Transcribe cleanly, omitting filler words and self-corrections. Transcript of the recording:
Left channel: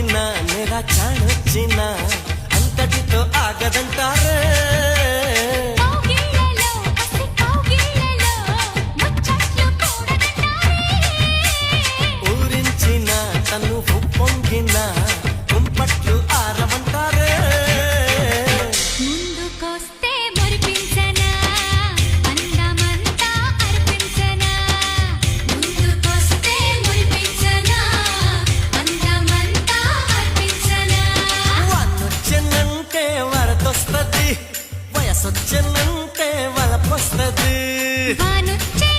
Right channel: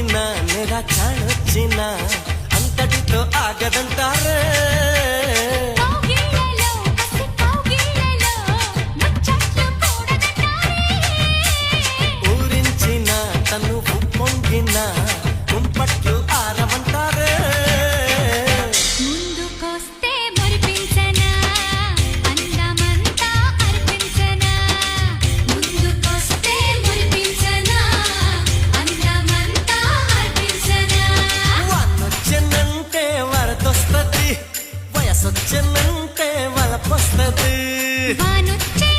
ఊరించిన నెరా చాణొచ్చిన అంతటితో ఆగదంటారే కౌగిళ్ళలో కసి కౌగిళ్ళలో ముచ్చట్లు కూడదంటారే ఊరించిన తను పొంగిన కుంపట్లు ఆరవంటారే ముందుకొస్తే మురిపించనా అందమంతా అర్పించనా ముందుకొస్తే మురిపించనా అందమంతా అర్పించనా వానొచ్చెనంటే వరదొస్తది వయసొచ్చెనంటే వలపొస్తది వానొచ్చే